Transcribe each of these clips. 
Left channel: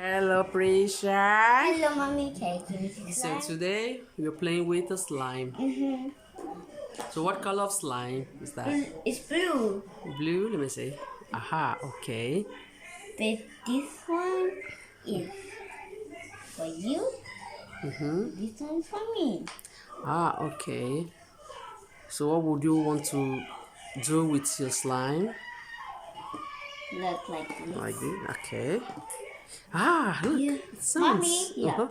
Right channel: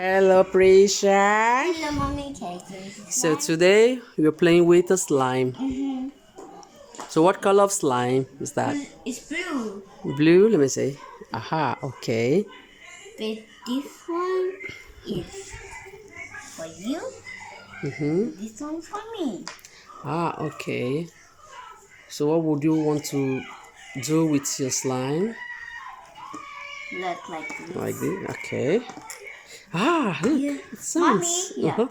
Hello, Prisha. Hello, Mommy Cake. So today we're playing with the slime. So what color of slime is that? It's blue. Blue. Let me see. Aha. Okay. But this one is for you. This one's for me. Ah. Okay. So what would you want to do with your slime? Look like this. Like this. Okay. Ah. Look. Yeah. It sounds. Mommy, yeah.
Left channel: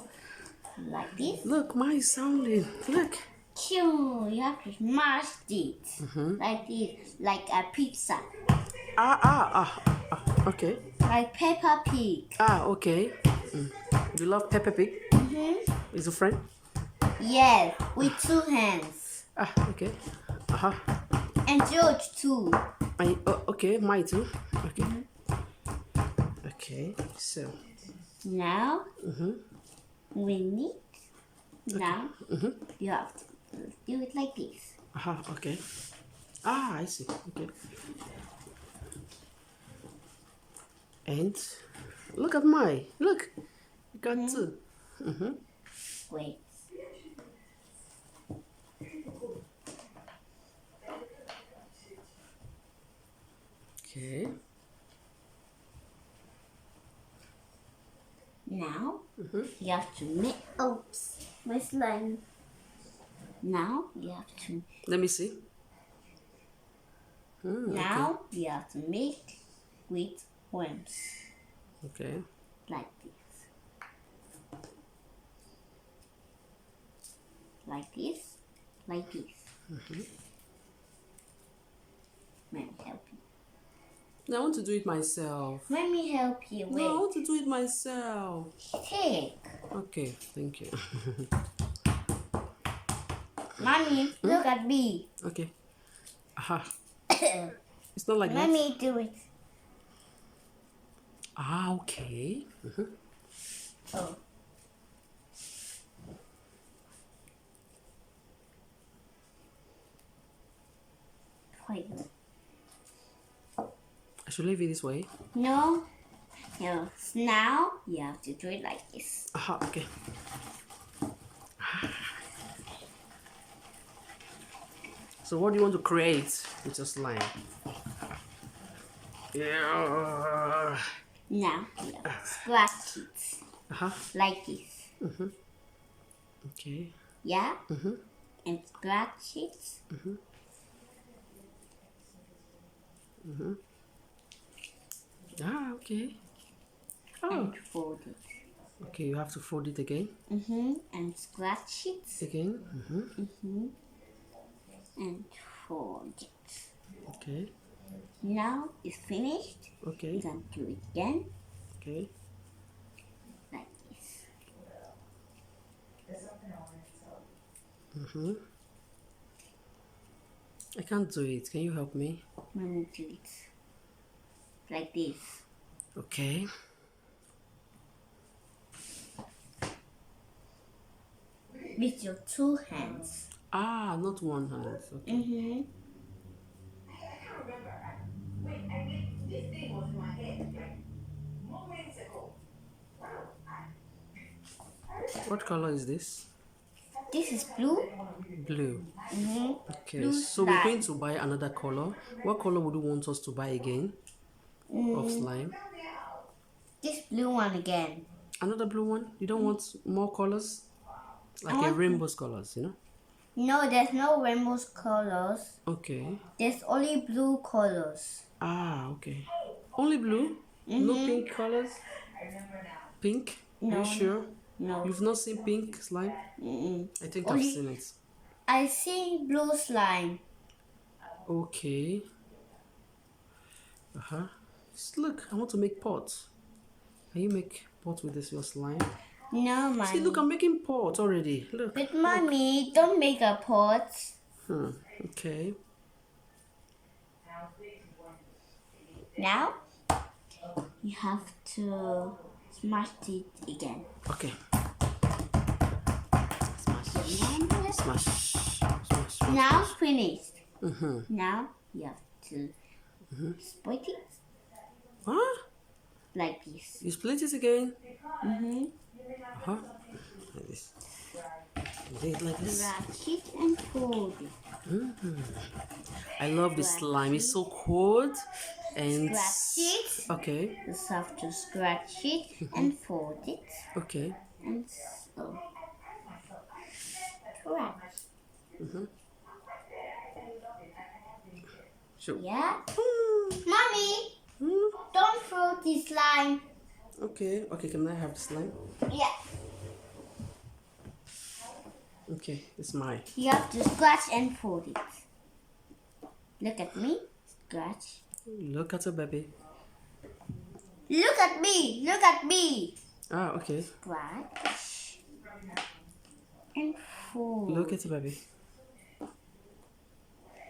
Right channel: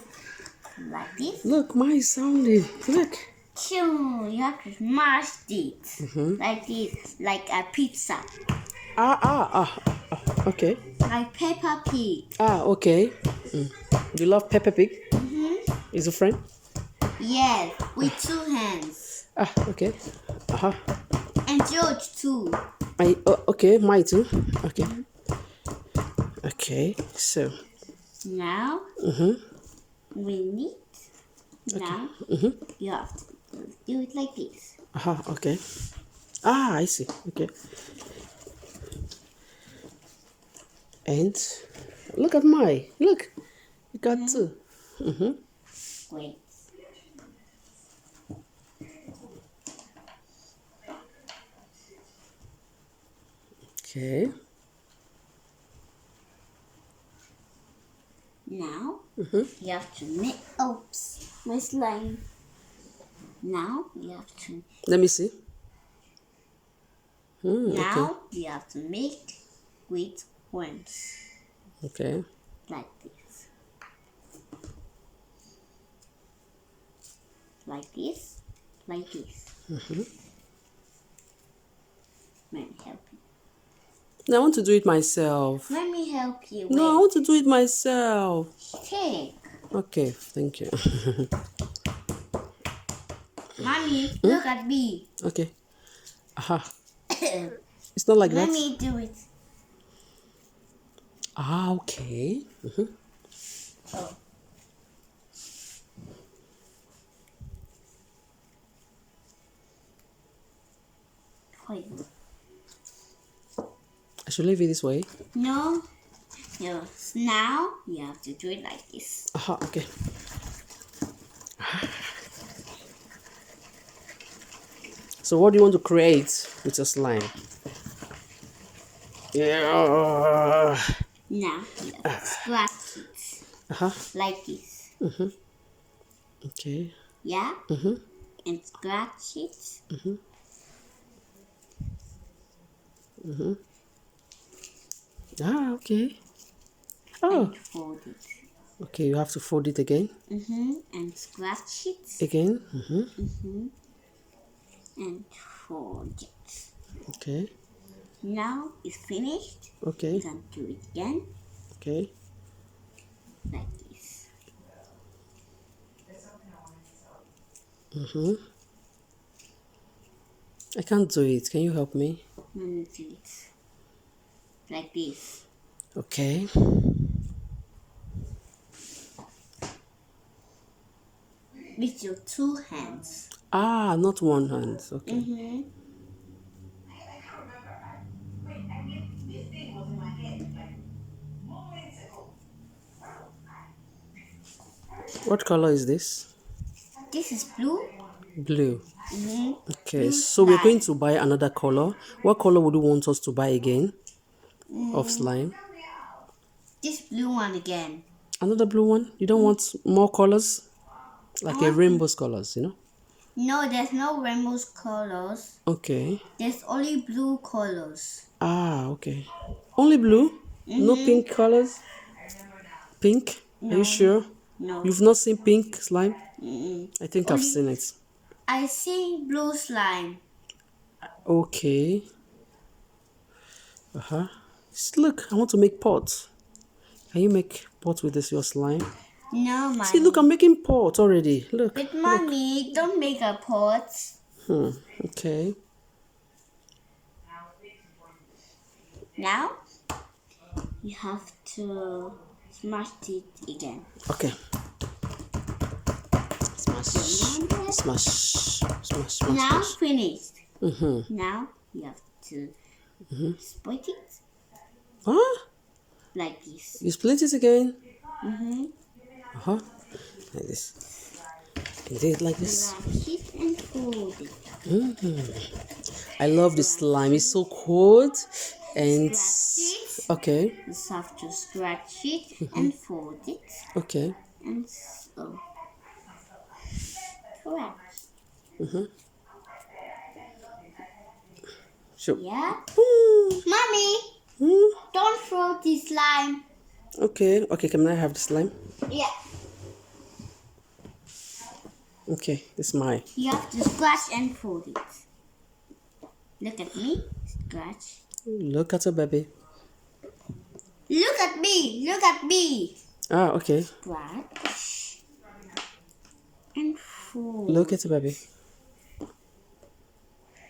Like this. Look, mine is sounding. Look. Chew. You have to smash it. Like this. Like a pizza. Okay. Like Peppa Pig. Ah. Okay. Do you love Peppa Pig? Is a friend? Yes. With 2 hands. Ah. Okay. And George too. Okay, mine too. Okay. Okay, so. Now. We need. Now. You have to do it like this. Okay. Ah, I see. Okay. And look at mine. Look. You got two. Wait. Okay. Now you have to make. Oops, my slime. Now you have to. Let me see. Now you have to make with worms Okay. like this. Like this. Like this. Let me help you. No, I want to do it myself. Let me help you. No, I Wait. want to do it myself. Take. Okay, thank you. Mommy, look at me. Okay. It's not like Let that. me do it. Ah, okay. Oh. Wait. I should leave it this way. No. No. Now you have to do it like this. Okay. So what do you want to create with your slime? Yeah. Now you have to scratch it like this. Okay. Yeah? And scratch it. Ah, okay. Oh, And fold it. okay. You have to fold it again. And scratch it. Again. And fold it. Okay. Now it's finished. Okay. You can do it again Okay. like this. I can't do it. Can you help me? Let me do it like this. Okay. With your 2 hands. Ah, not one hand. Okay. What color is this? This is blue. Blue. Okay, Blue so we're slime. going to buy another color. What color would you want us to buy again of slime? This blue one again. Another blue one? You don't want more colors? Like a rainbow's colors, you know? No, there's no rainbow colors. Okay. There's only blue colors. Ah, okay. Only blue? No pink colors? Pink? Are you sure? No. You've not seen pink slime? I think I've seen it. I see blue slime. Okay. Look, I want to make pots. Can you make pots with this your slime? No, mommy. See, look, I'm making pots already. Look. But mommy, don't make a pot. Okay. Now, you have to smash it again. Okay. Smash. Smash. Smash. Smash. Now Smash. finished. Now you have to split it Huh? like this. You split it again? Uh-huh. Like this. And do it like this. Scratch it and fold it. I love this slime. It's so cold. And Scratch it. okay. You just have to scratch it and fold it. Okay. And so. Correct. Sure. Yeah? Hmm. Mommy, Hmm. don't throw this slime. Okay. Okay, can I have the slime? Yeah. Okay, it's mine. You have to scratch and fold it. Look at me. Scratch. Look at your baby. Look at me. Look at me. Ah, okay. Scratch and fold. Look at your baby.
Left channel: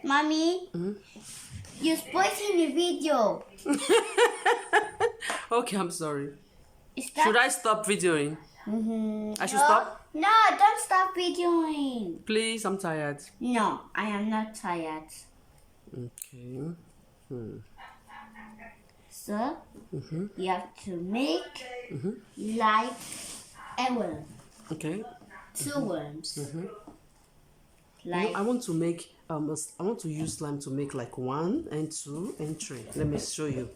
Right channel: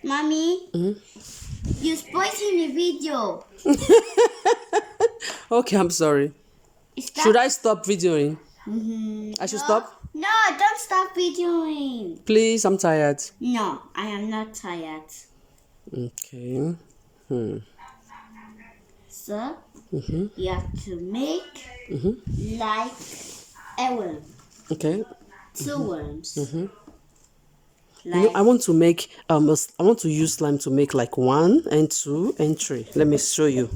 Mommy, you're spoiling the video. Okay, I'm sorry. Is that... Should I stop videoing? I should stop? No, don't stop videoing. Please, I'm tired. No, I am not tired. Okay. So, you have to make like a worm. Okay. 2 worms. You know, Like, I want to make I want to use slime to make like 1 and 2 and 3. Let me show you.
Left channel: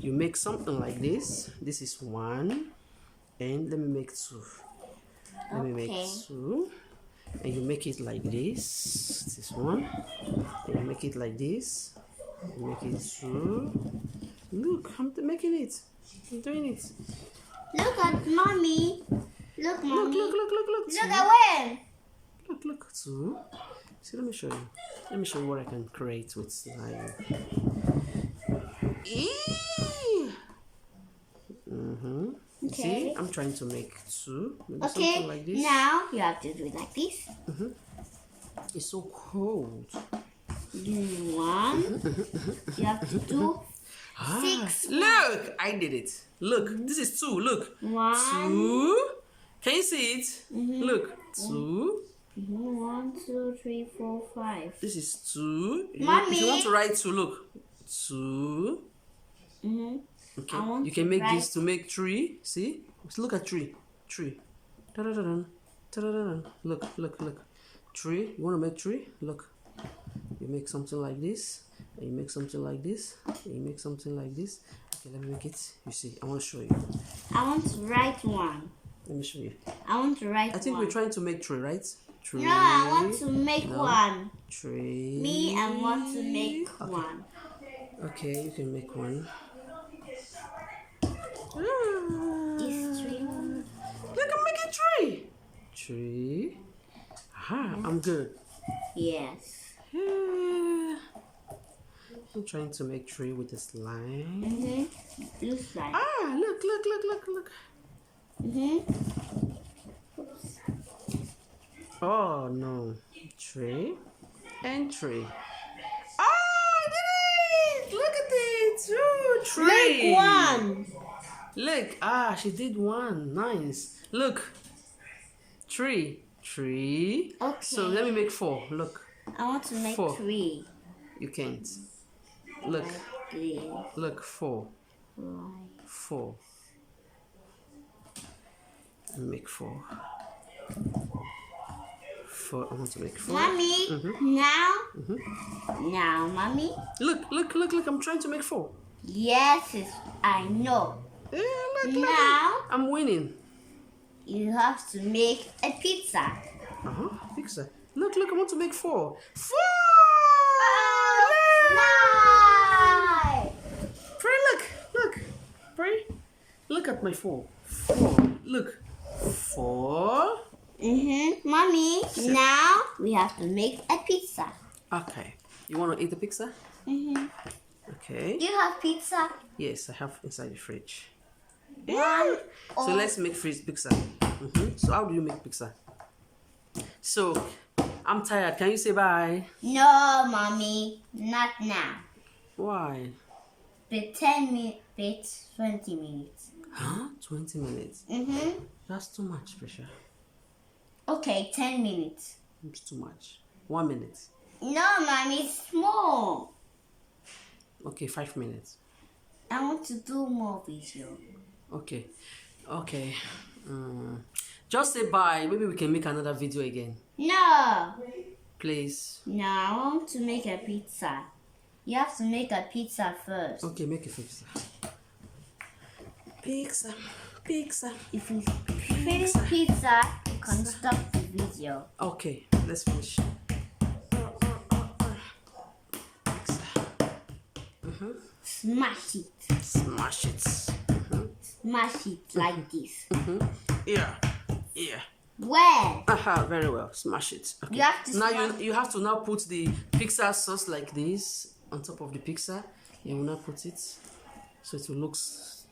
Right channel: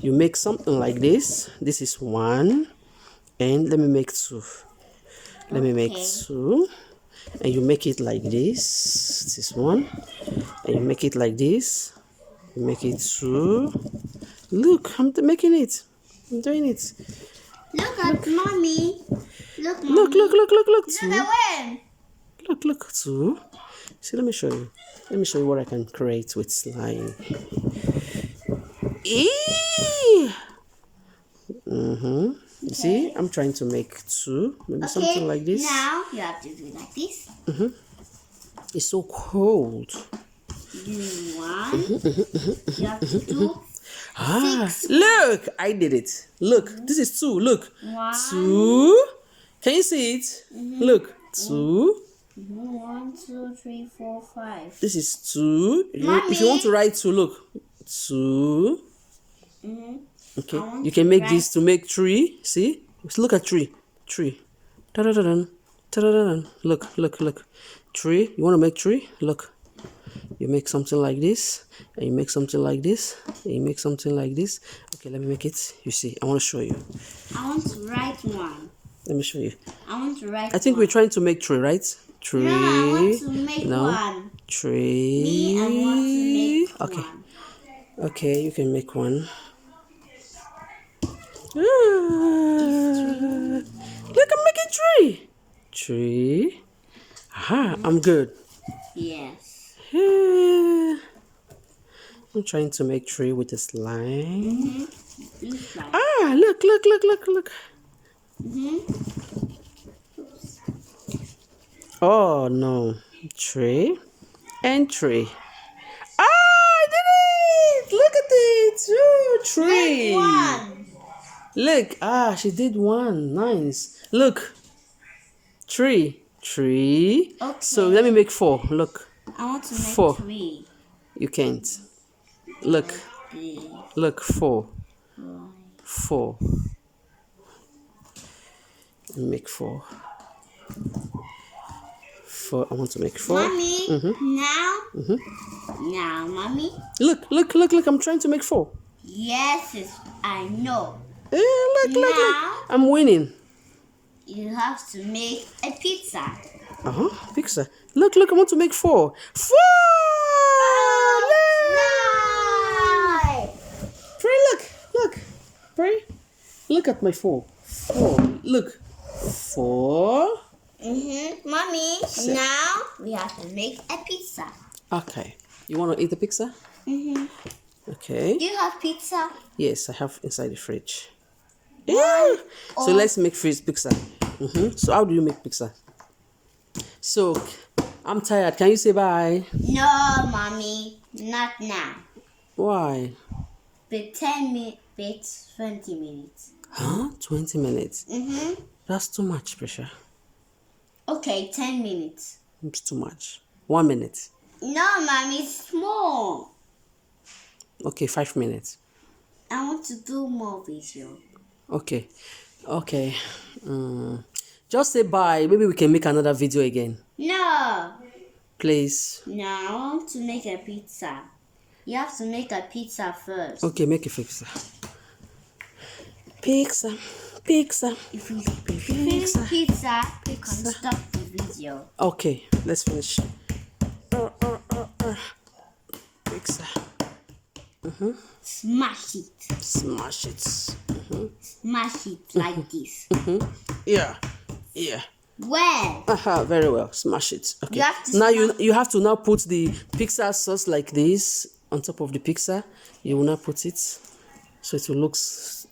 You make something like this. This is 1, and let me make 2. Let me make Okay. 2, and you make it like this. This is 1, and you make it like this. You make it 2. Look, I'm making it. I'm doing it. look at mommy. Look, mommy. Look. Look 2. at worm. Look, 2. See, let me show you. Let me show you what I can create with slime. Eee! See, I'm trying to make 2. Maybe something like this. Now you have to do it like this. It's so cold. Do 1. You have to do Ah, 6. look, I did it. Look, this is 2. Look, 1. 2. Can you see it? Look, 2. 1, 2, 3, 4, 5. This is 2. If you want Mommy. to write 2, look, 2. Okay, I want you can to make write- this to make 3. See? Look at 3. 3. Ta-da-da-dun. Ta-da-da-dun. Look. 3. You want to make 3? Look. You make something like this, and you make something like this, and you make something like this. Okay, let me make it. You see, I want to show you. I want to write 1. Let me show you. I want to write I think 1. we're trying to make 3, right? 3. No, I want to make No. 1. 3. Me, I want to make Okay. 1. Okay, you can make 1. Look, I'm making 3. 3. Aha, I'm good. Yes. I'm trying to make 3 with the slime. Blue slime. Ah, look. Oh no. 3 and 3. Ah, I did it! Look at it! 2, 3. Make 1. Look, she did 1. Nice. Look. 3. Okay. So let me make 4. Look. I want to make 4. 3. You can't. Look. Okay. Look. 4. Right. 4. Make 4. 4. I want to make 4. Mommy, now, mommy. Look. I'm trying to make 4. Yes, I know. Look. Now- I'm winning. You have to make a pizza. Pizza. Look. I want to make 4. 4! Slime! Pray, look. Pray. Look at my 4. 4. Look. 4. Mommy, now we have to make a pizza. Okay. You want to eat the pizza? Okay. Do you have pizza? Yes, I have inside the fridge. One. So let's make pizza. So how do you make pizza? So I'm tired. Can you say bye? No, mommy, not now. Why? But 10 minutes, 20 minutes. 20 minutes. That's too much, Prisha. Okay, 10 minutes. It's too much. 1 minute. No, mommy, it's small. Okay, 5 minutes. I want to do more video. Okay. Okay. Just say bye. Maybe we can make another video again. No. Please. Now to make a pizza. You have to make a pizza first. Okay, make a pizza. Pizza. Pizza. If we finish pizza, we can stop the video. Okay, let's finish. Pizza. Smash it. Smash it. Smash it like this. Yeah. Yeah. Well, Very well. Smash it. Okay. You have to now smash- you have to now put the pizza sauce like this on top of the pizza. You will now put it so it will look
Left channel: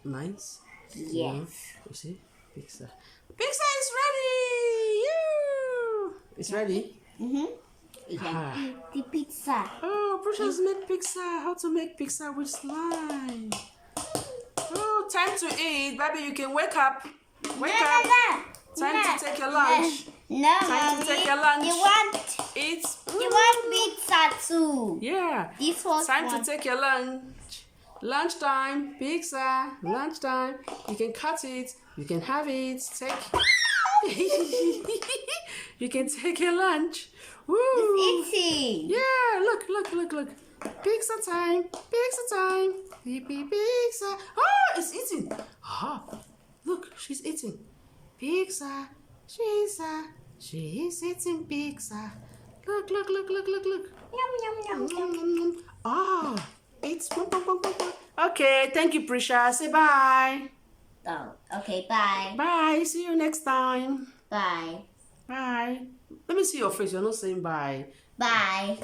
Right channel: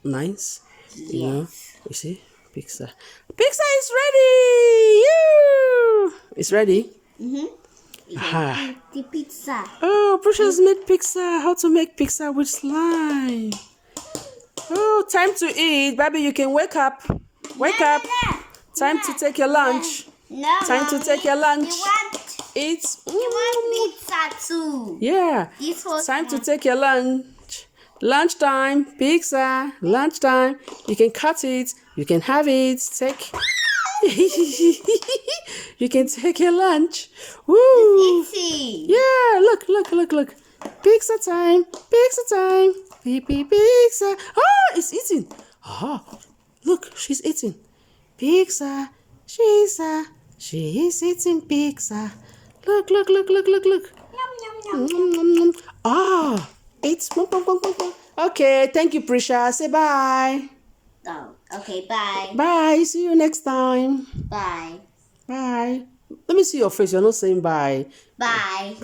nice. You know? You see? Pizza. Pizza is ready! You! It's ready? you can eat the pizza. Oh, Precious made pizza. How to make pizza with slime. Oh, time to eat. Baby, you can wake up. Wake up. Time to take your lunch. No, Time to Mommy. take your lunch. You want Eat. pizza too. Yeah. This was Time to one. take your lunch. Lunchtime. Pizza. Lunchtime. You can cut it. You can have it. Take. You can take your lunch. Woo. Eating. Yeah, look. Pizza time. Pizza time. Pizza. Ah, it's eating. Ah, look, she's eating. Pizza. She's eating pizza. Look. Yum, yum, yum. Ah, it's okay. Thank you, Prisha. Say bye. Oh, okay, bye. Bye. See you next time. Bye. Bye. Let me see your face. You're not saying bye. Bye.